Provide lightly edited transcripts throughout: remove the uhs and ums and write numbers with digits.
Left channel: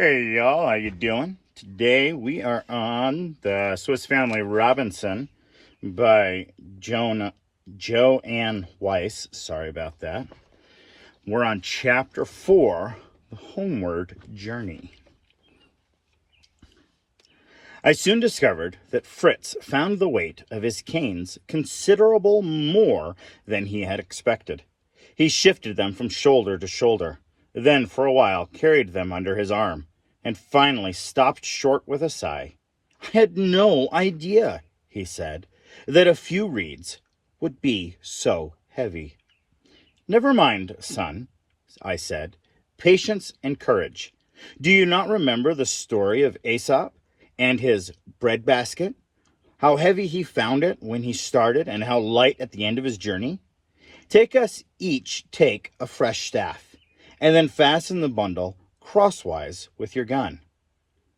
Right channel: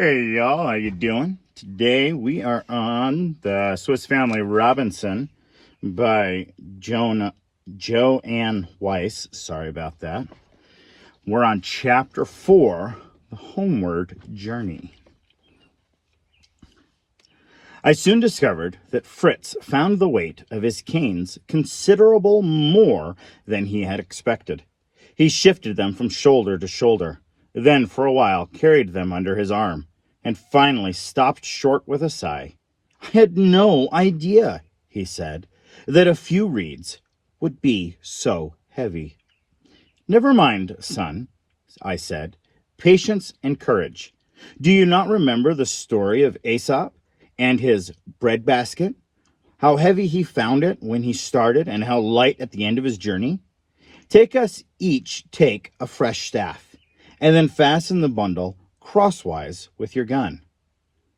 Hey y'all, how you doing? Today we are on the Swiss Family Robinson by Joanne Weiss. Sorry about that. We're on chapter 4, The Homeward Journey. I soon discovered that Fritz found the weight of his canes considerable more than he had expected. He shifted them from shoulder to shoulder, then for a while carried them under his arm, and finally stopped short with a sigh. I had no idea, he said, that a few reeds would be so heavy. Never mind, son, I said. Patience and courage. Do you not remember the story of Aesop and his breadbasket? How heavy he found it when he started and how light at the end of his journey? Take a fresh staff, and then fasten the bundle crosswise with your gun.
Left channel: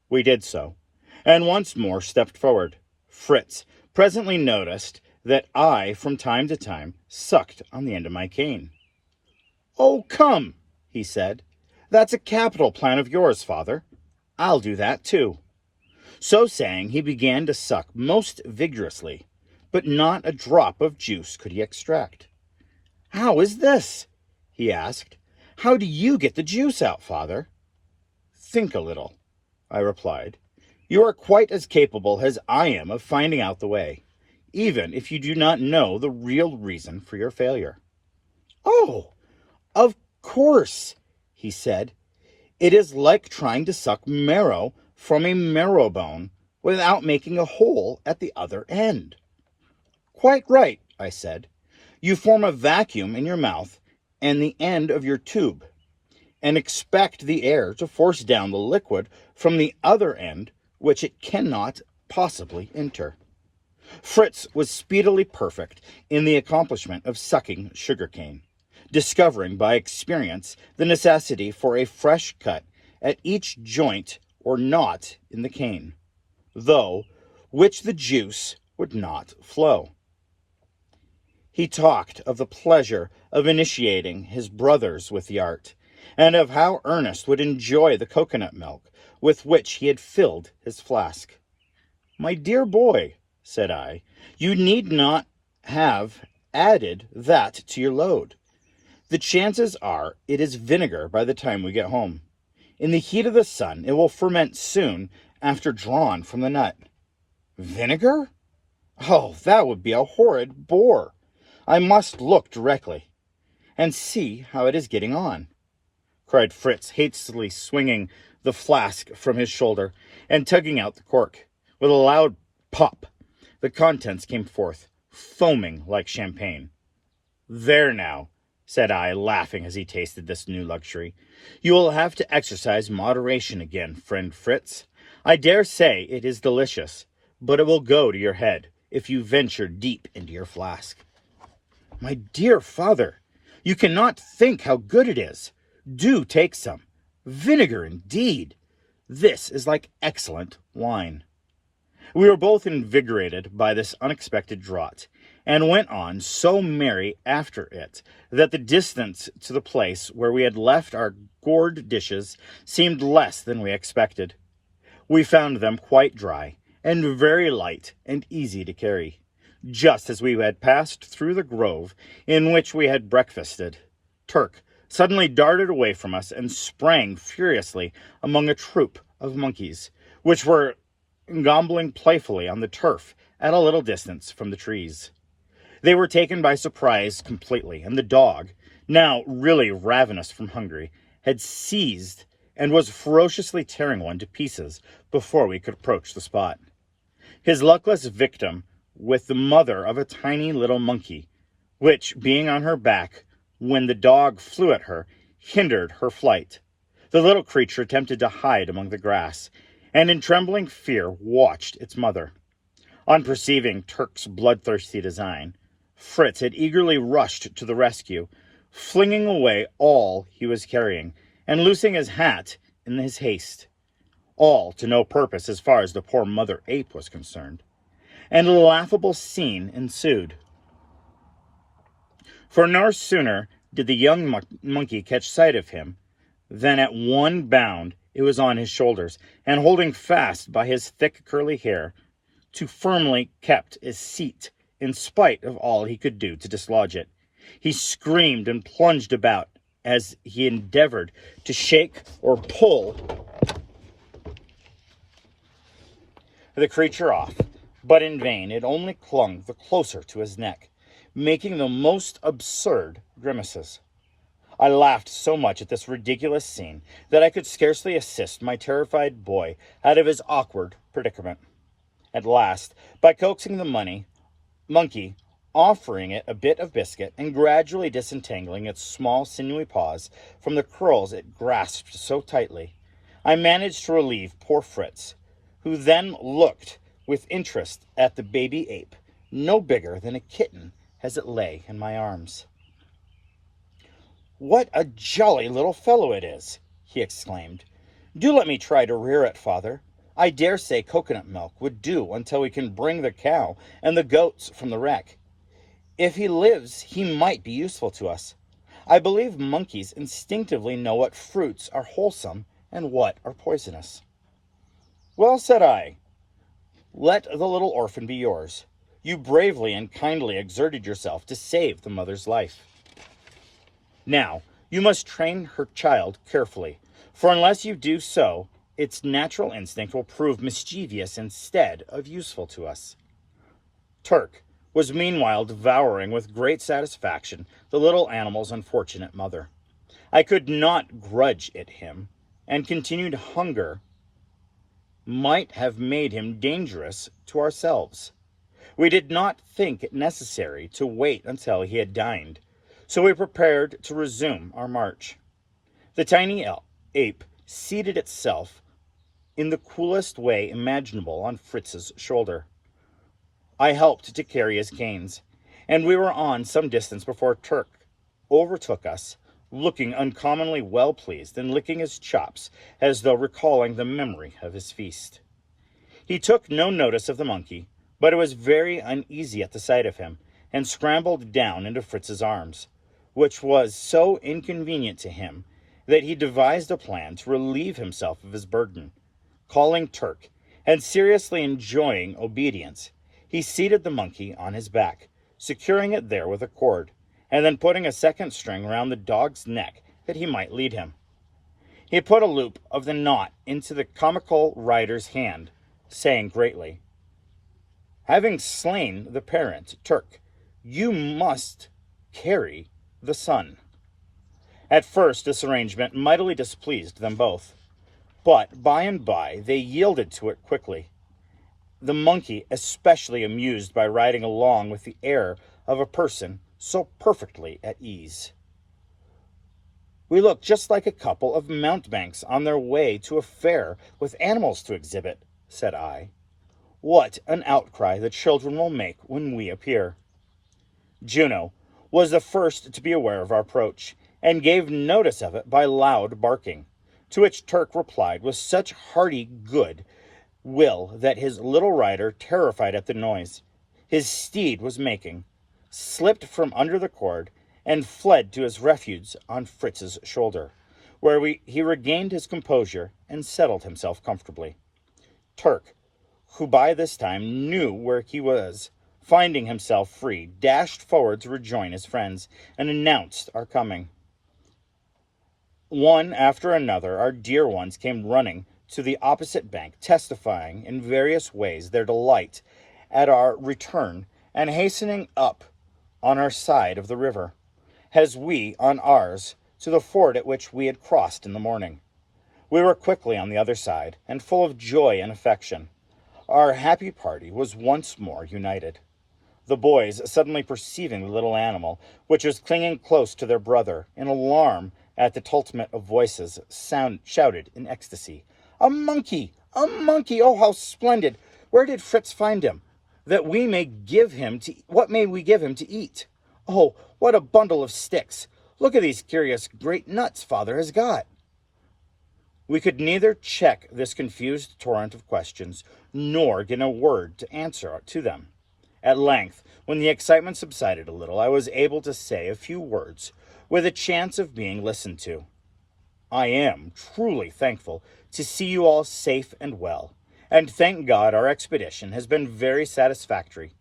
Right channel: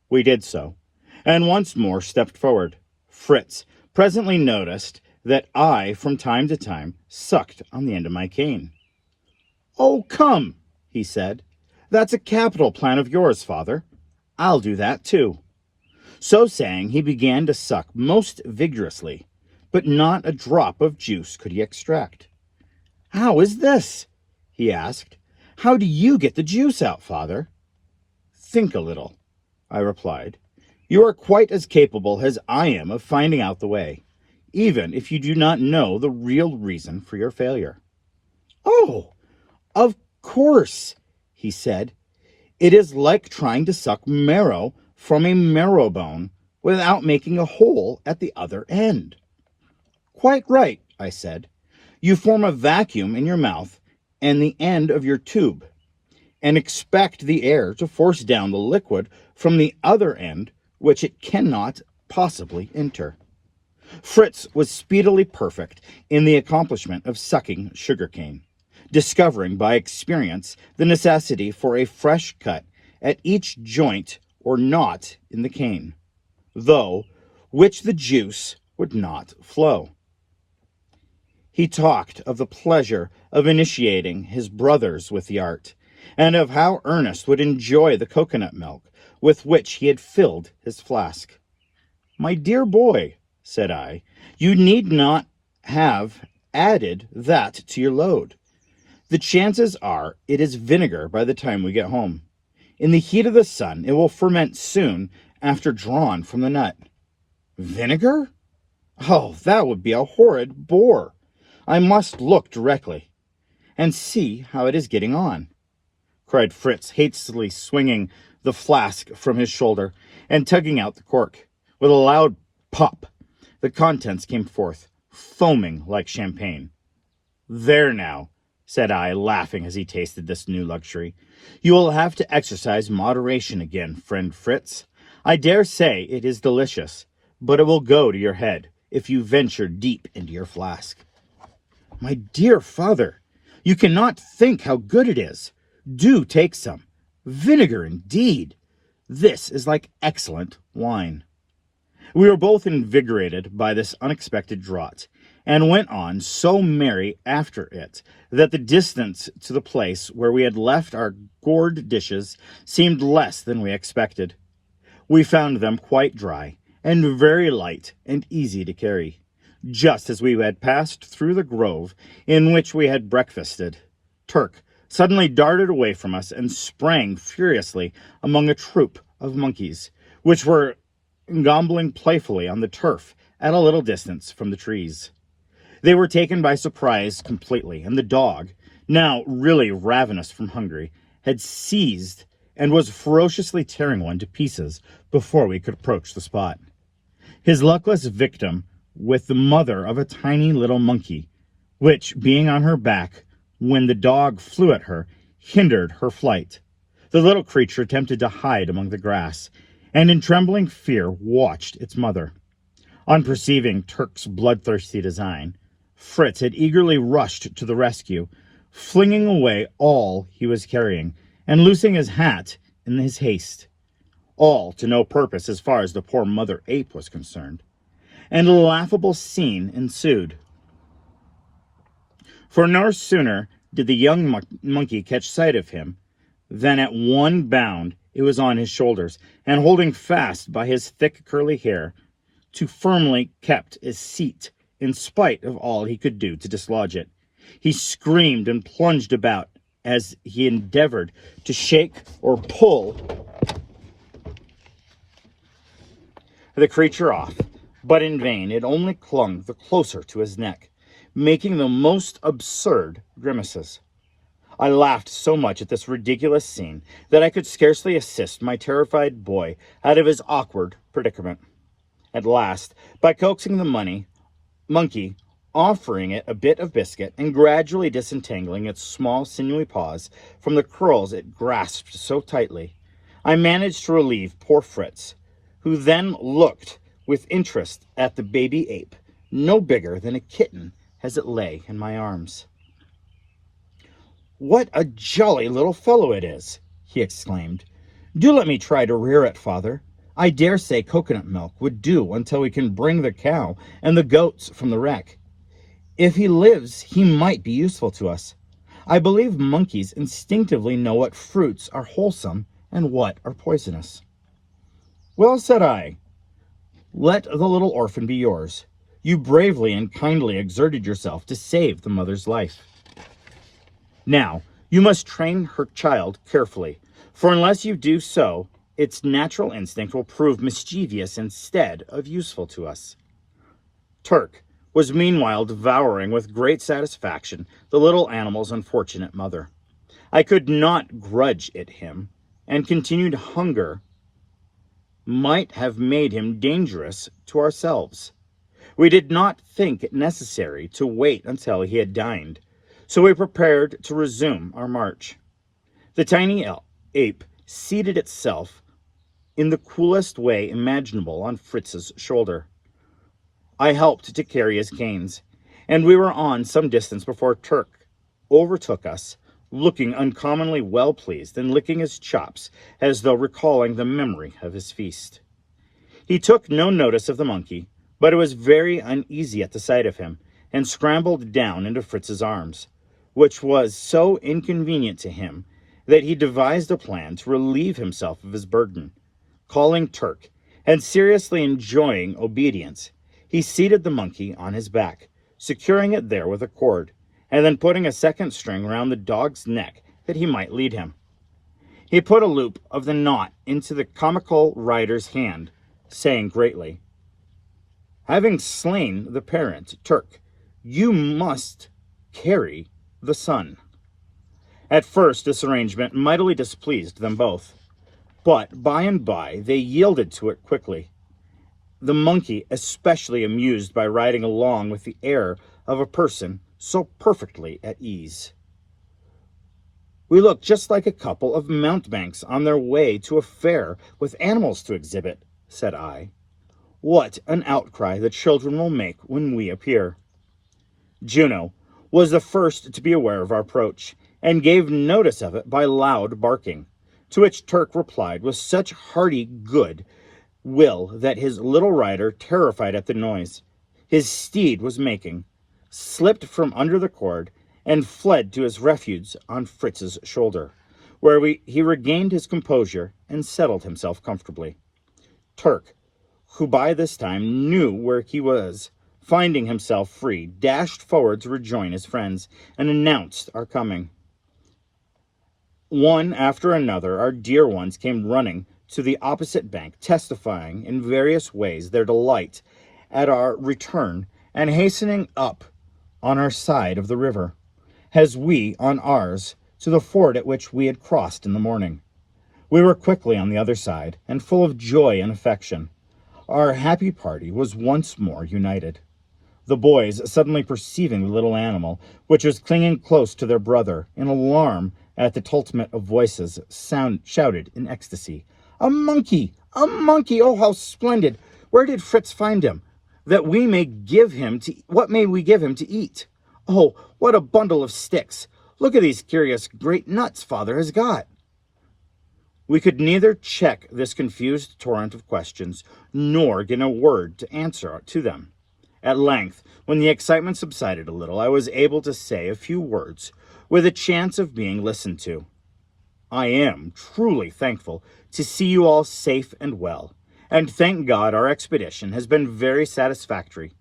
We did so, and once more stepped forward. Fritz presently noticed that I, from time to time, sucked on the end of my cane. Oh, come, he said. That's a capital plan of yours, father. I'll do that too. So saying, he began to suck most vigorously, but not a drop of juice could he extract. How is this? He asked. How do you get the juice out, father? Think a little, I replied. You are quite as capable as I am of finding out the way, even if you do not know the real reason for your failure. Oh, of course, he said. It is like trying to suck marrow from a marrow bone without making a hole at the other end. Quite right, I said. You form a vacuum in your mouth and the end of your tube, and expect the air to force down the liquid from the other end, which it cannot possibly enter. Fritz was speedily perfect in the accomplishment of sucking sugarcane, discovering by experience the necessity for a fresh cut at each joint or knot in the cane, though which the juice would not flow. He talked of the pleasure of initiating his brothers with the art, and of how Ernest would enjoy the coconut milk with which he had filled his flask. My dear boy, said I, you need not have added that to your load. The chances are it is vinegar by the time we get home. In the heat of the sun, it will ferment soon after drawn from the nut. Vinegar? Oh, that would be a horrid bore. I must look directly and see how it is getting on, cried Fritz, hastily swinging the flask from his shoulder and tugging out the cork. With a loud pop, the contents came forth, foaming like champagne. There now, said I, laughing as he tasted this new luxury. You will have to exercise moderation again, friend Fritz. I dare say it is delicious, but it will go to your head if you venture deep into your flask. My dear father, you cannot think how good it is. Do take some. Vinegar, indeed. This is like excellent wine. We were both invigorated by this unexpected draught, and went on so merry after it that the distance to the place where we had left our gourd dishes seemed less than we expected. We found them quite dry, and very light and easy to carry, just as we had passed through the grove in which we had breakfasted. Turk suddenly darted away from us and sprang furiously among a troop of monkeys, which were gobbling playfully on the turf at a little distance from the trees. They were taken by surprise completely, and the dog, now really ravenous from hunger, had seized and was ferociously tearing one to pieces before we could approach the spot. His luckless victim with the mother of a tiny little monkey, which, being on her back when the dog flew at her, hindered her flight. The little creature attempted to hide among the grass, and in trembling fear watched its mother. On perceiving Turk's bloodthirsty design, Fritz had eagerly rushed to the rescue, flinging away all he was carrying, and loosing his hat in his haste. All to no purpose as far as the poor mother ape was concerned, and a laughable scene ensued. For no sooner did the young monkey catch sight of him than at one bound It was on his shoulders, and holding fast by his thick curly hair, too firmly kept his seat, in spite of all he could do to dislodge it. He screamed and plunged about as he endeavored to shake or pull the creature off, but in vain. It only clung the closer to his neck, making the most absurd grimaces. I laughed so much at this ridiculous scene that I could scarcely assist my terrified boy out of his awkward predicament. At last, by coaxing the monkey, offering it a bit of biscuit, and gradually disentangling its small sinewy paws from the curls it grasped so tightly, I managed to relieve poor Fritz, who then looked with interest at the baby ape, no bigger than a kitten, as it lay in my arms. "What a jolly little fellow it is!" he exclaimed. "Do let me try to rear it, father. I dare say coconut milk would do until we can bring the cow and the goats from the wreck. If he lives, he might be useful to us. I believe monkeys instinctively know what fruits are wholesome and what are poisonous." "Well," said I, "let the little orphan be yours. You bravely and kindly exerted yourself to save the mother's life. Now, you must train her child carefully, for unless you do so, its natural instinct will prove mischievous instead of useful to us." Turk was meanwhile devouring with great satisfaction the little animal's unfortunate mother. I could not grudge it him, and continued hunger might have made him dangerous to ourselves. We did not think it necessary to wait until he had dined, so we prepared to resume our march. The tiny ape seated itself in the coolest way imaginable on Fritz's shoulder. I helped to carry his canes, and we were on some distance before Turk overtook us, looking uncommonly well pleased and licking his chops as though recalling the memory of his feast. He took no notice of the monkey, but it was very uneasy at the sight of him, and scrambled down into Fritz's arms, which was so inconvenient to him that he devised a plan to relieve himself of his burden. Calling Turk, and seriously enjoining obedience, he seated the monkey on his back, securing it there with a cord, and then putting a second string round the dog's neck that he might lead him. He put a loop of the knot into the comical rider's hand, saying greatly, "Having slain the parent, Turk, you must carry the son." At first this arrangement mightily displeased them both, but by and by they yielded to it quickly, the monkey especially amused by riding along with the air of a person so perfectly at ease. "We look just like a couple of mountebanks on their way to a fair with animals to exhibit," said I. "What an outcry the children will make when we appear." Juno was the first to be aware of our approach, and gave notice of it by loud barking, to which Turk replied with such hearty good will that his little rider, terrified at the noise his steed was making, slipped from under the cord and fled to his refuge on Fritz's shoulder, where he regained his composure and settled himself comfortably. Turk, who by this time knew where he was, finding himself free, dashed forward to rejoin his friends and announced our coming. One after another, our dear ones came running to the opposite bank, testifying in various ways their delight at our return and hastening up on our side of the river, as we on ours, to the ford at which we had crossed in the morning. We were quickly on the other side, and full of joy and affection. Our happy party was once more united. The boys, suddenly perceiving the little animal, which was clinging close to their brother, in alarm at the tumult of voices, shouted in ecstasy, "A monkey! A monkey! Oh, how splendid! Where did Fritz find him? What may we give him to eat? Oh, what a bundle of sticks! Look at these curious great nuts father has got!" We could neither check this confused torrent of questions, nor get a word to answer to them. At length, when the excitement subsided a little, I was able to say a few words, with a chance of being listened to. I am truly thankful to see you all safe and well, and thank God our expedition has been very satisfactory,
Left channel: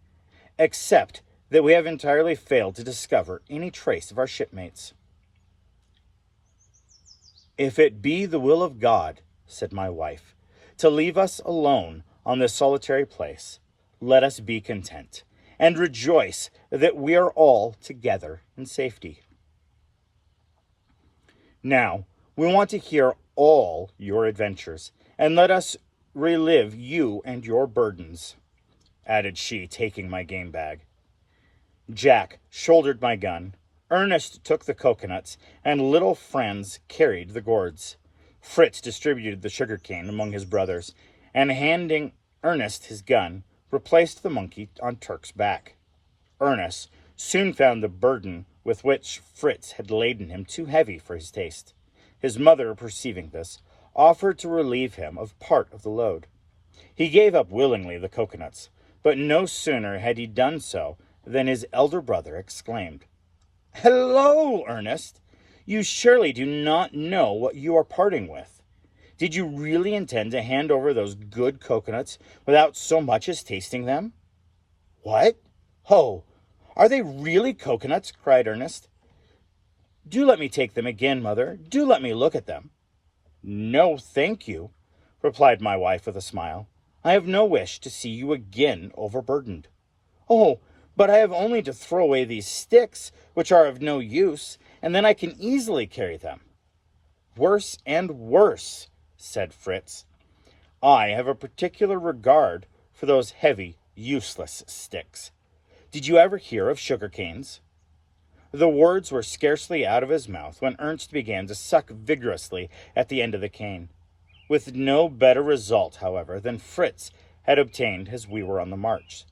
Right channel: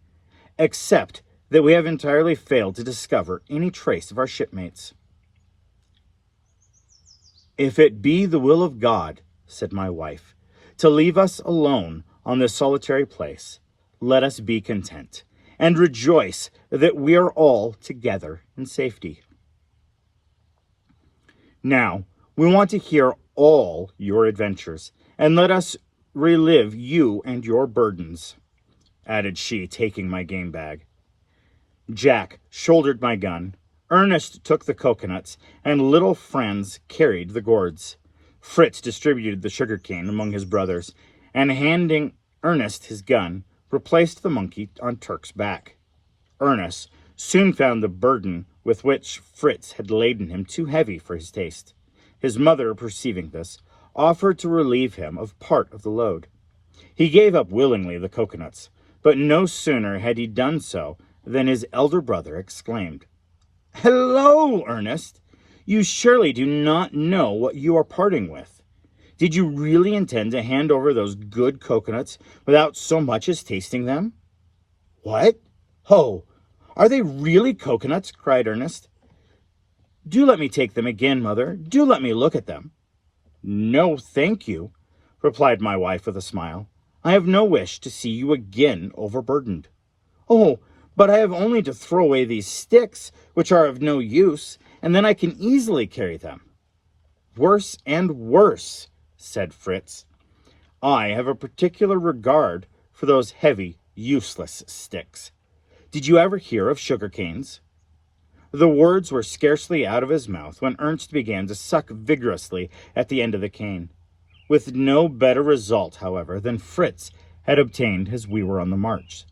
except that we have entirely failed to discover any trace of our shipmates." "If it be the will of God," said my wife, "to leave us alone on this solitary place, let us be content, and rejoice that we are all together in safety. Now, we want to hear all your adventures, and let us relive you and your burdens," added she, taking my game bag. Jack shouldered my gun, Ernest took the coconuts, and little Franz carried the gourds. Fritz distributed the sugarcane among his brothers, and handing Ernest his gun, replaced the monkey on Turk's back. Ernest soon found the burden with which Fritz had laden him too heavy for his taste. His mother, perceiving this, offered to relieve him of part of the load. He gave up willingly the coconuts, but no sooner had he done so than his elder brother exclaimed, "Hello, Ernest! You surely do not know what you are parting with. Did you really intend to hand over those good coconuts without so much as tasting them?" "What? Ho! Are they really coconuts?" cried Ernest. "Do let me take them again, mother. Do let me look at them." "No, thank you," replied my wife with a smile. "I have no wish to see you again overburdened." "Oh, but I have only to throw away these sticks, which are of no use, and then I can easily carry them." "Worse and worse," said Fritz. "I have a particular regard for those heavy, useless sticks. Did you ever hear of sugar canes?" The words were scarcely out of his mouth when Ernst began to suck vigorously at the end of the cane, with no better result, however, than Fritz had obtained as we were on the march.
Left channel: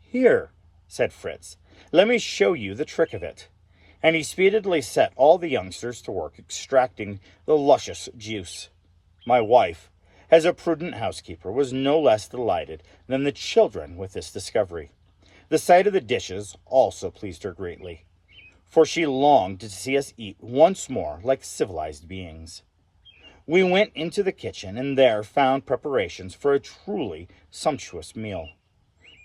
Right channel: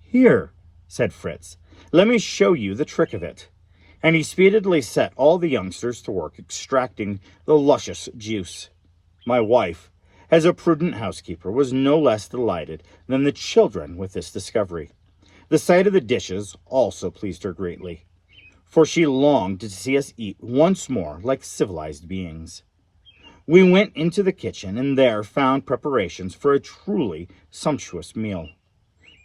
"Here," said Fritz, "let me show you the trick of it." And he speedily set all the youngsters to work extracting the luscious juice. My wife, as a prudent housekeeper, was no less delighted than the children with this discovery. The sight of the dishes also pleased her greatly, for she longed to see us eat once more like civilized beings. We went into the kitchen and there found preparations for a truly sumptuous meal.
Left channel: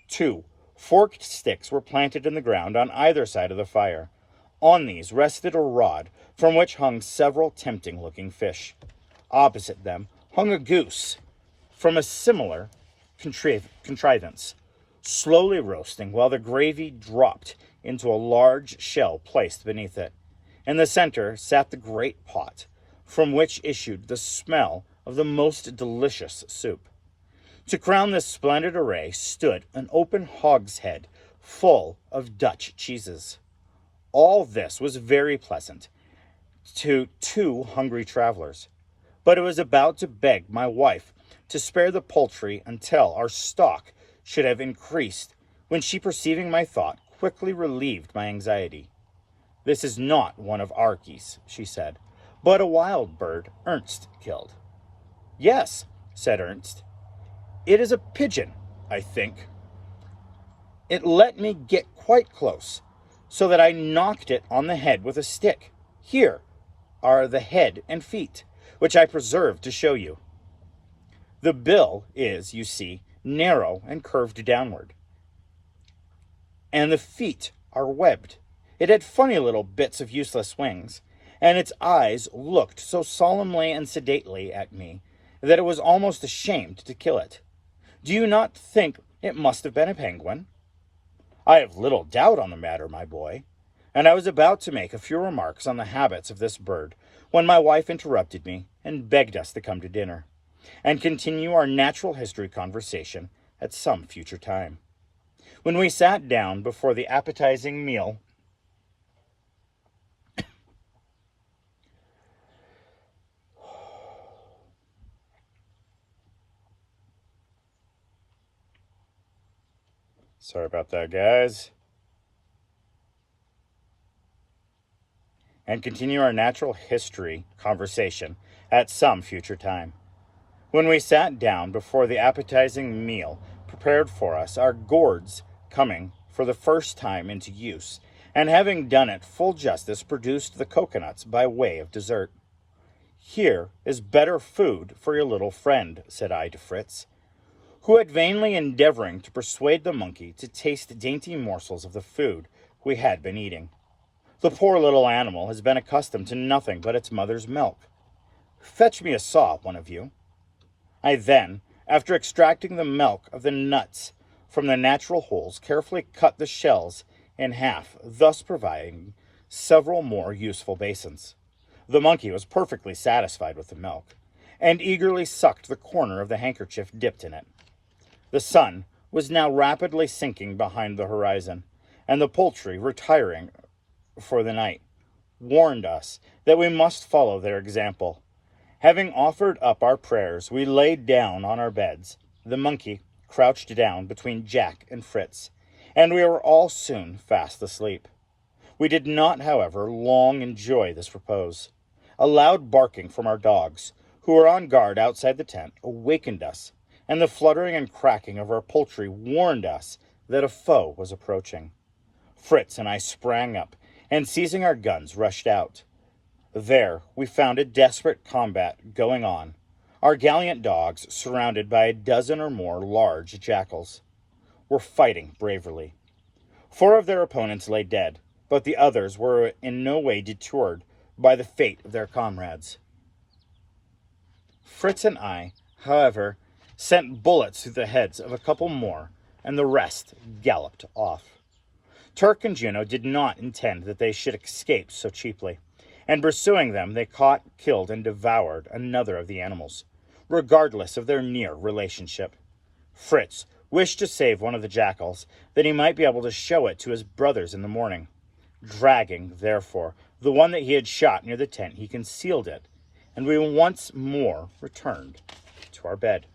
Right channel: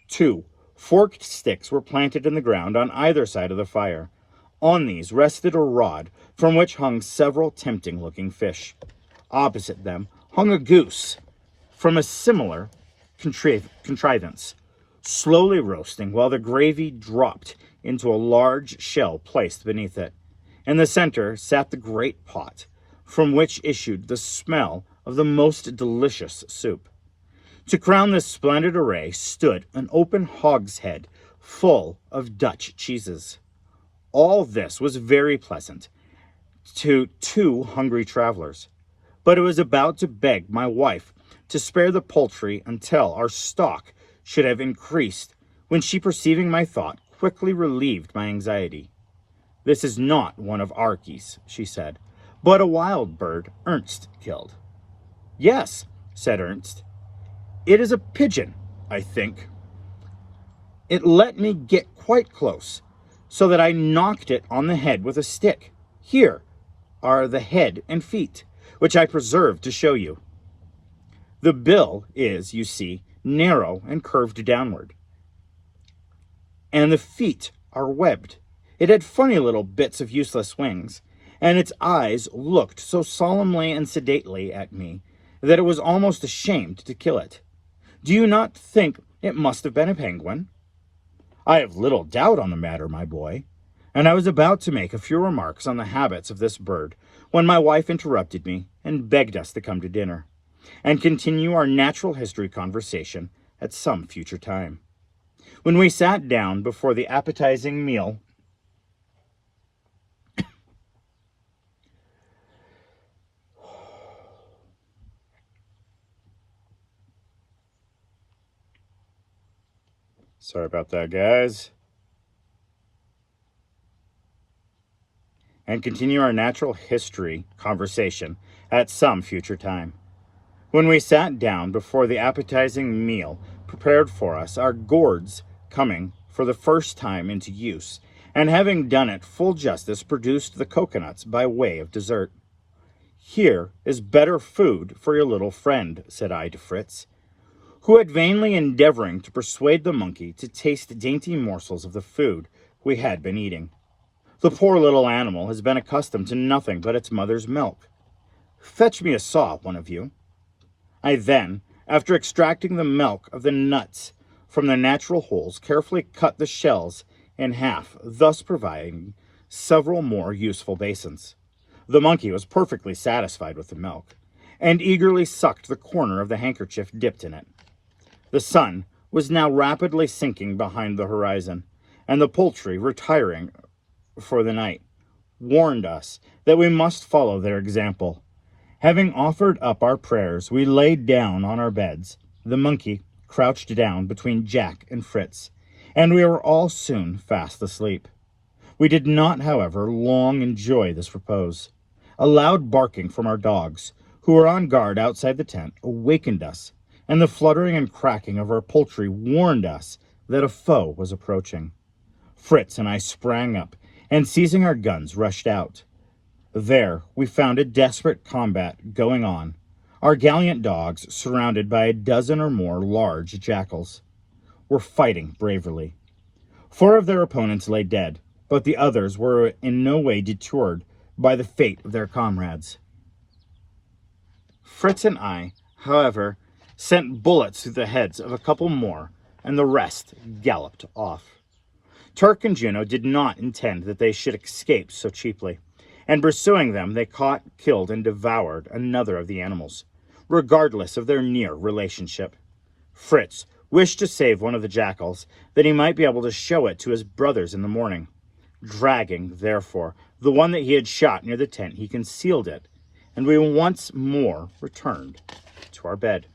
2 forked sticks were planted in the ground on either side of the fire. On these rested a rod from which hung several tempting-looking fish. Opposite them hung a goose from a similar contrivance, slowly roasting while the gravy dropped into a large shell placed beneath it. In the center sat the great pot, from which issued the smell of the most delicious soup. To crown this splendid array stood an open hogshead full of Dutch cheeses. All this was very pleasant to 2 hungry travelers, but it was about to beg my wife to spare the poultry until our stock should have increased, when she, perceiving my thought, quickly relieved my anxiety. "This is not one of our geese," she said, "but a wild bird Ernst killed." "Yes," said Ernst, "it is a pigeon, I think. It let me get quite close, so that I knocked it on the head with a stick. Here are the head and feet, which I preserved to show you. The bill is, you see, narrow and curved downward, and the feet are webbed. It had funny little bits of useless wings, and its eyes looked so solemnly and sedately at me that it was almost ashamed to kill it. Do you not think it must have been a penguin?" "I have little doubt on the matter, my boy," and I was about to make a few remarks on the habits of this bird when my wife interrupted me and begged us to come to dinner, and continue our natural history conversation at some future time. When we sat down before the appetizing meal, sorry about that, guys. And continue our natural history conversation at some future time. When we sat down before the appetizing meal prepared for us, our gourds coming for the first time into use, and having done it full justice, produced the coconuts by way of dessert. "Here is better food for your little friend," said I to Fritz, who had vainly endeavoring to persuade the monkey to taste dainty morsels of the food we had been eating. "The poor little animal has been accustomed to nothing but its mother's milk. Fetch me a saw, one of you." I then, after extracting the milk of the nuts from their natural holes, carefully cut the shells in half, thus providing several more useful basins. The monkey was perfectly satisfied with the milk, and eagerly sucked the corner of the handkerchief dipped in it. The sun was now rapidly sinking behind the horizon, and the poultry, retiring for the night, warned us that we must follow their example. Having offered up our prayers, we laid down on our beds. The monkey crouched down between Jack and Fritz, and we were all soon fast asleep. We did not, however, long enjoy this repose. A loud barking from our dogs, who were on guard outside the tent, awakened us, and the fluttering and cracking of our poultry warned us that a foe was approaching. Fritz and I sprang up, and seizing our guns, rushed out. There we found a desperate combat going on, our gallant dogs surrounded by a dozen or more large jackals were fighting bravely. 4 of their opponents lay dead, but the others were in no way deterred by the fate of their comrades. Fritz and I, however, sent bullets through the heads of a couple more, and the rest galloped off. Turk and Juno did not intend that they should escape so cheaply, and pursuing them, they caught, killed, and devoured another of the animals, regardless of their near relationship. Fritz wished to save one of the jackals, that he might be able to show it to his brothers in the morning. Dragging, therefore, the one that he had shot near the tent, he concealed it, and we once more returned to our bed.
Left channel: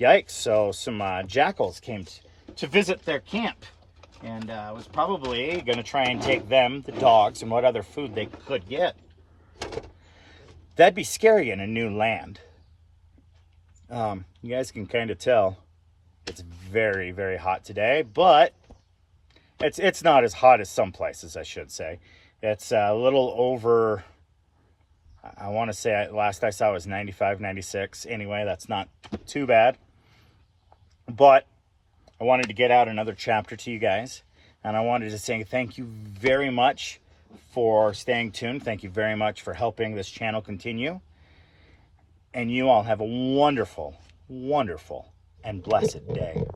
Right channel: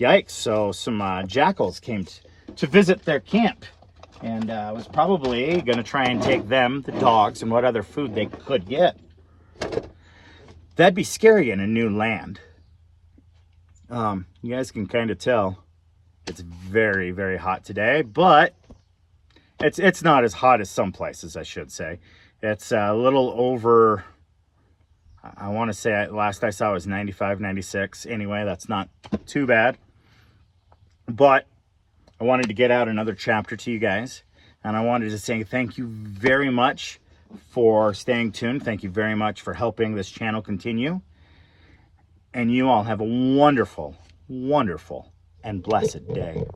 Yikes, so some jackals came to visit their camp, and was probably going to try and take them, the dogs, and what other food they could get. That'd be scary in a new land. You guys can kind of tell it's very, very hot today, but it's not as hot as some places, I should say. It's a little over, I want to say last I saw it was 95, 96. Anyway, that's not too bad. But I wanted to get out another chapter to you guys, and I wanted to say thank you very much for staying tuned. Thank you very much for helping this channel continue. And you all have a wonderful, wonderful, and blessed day.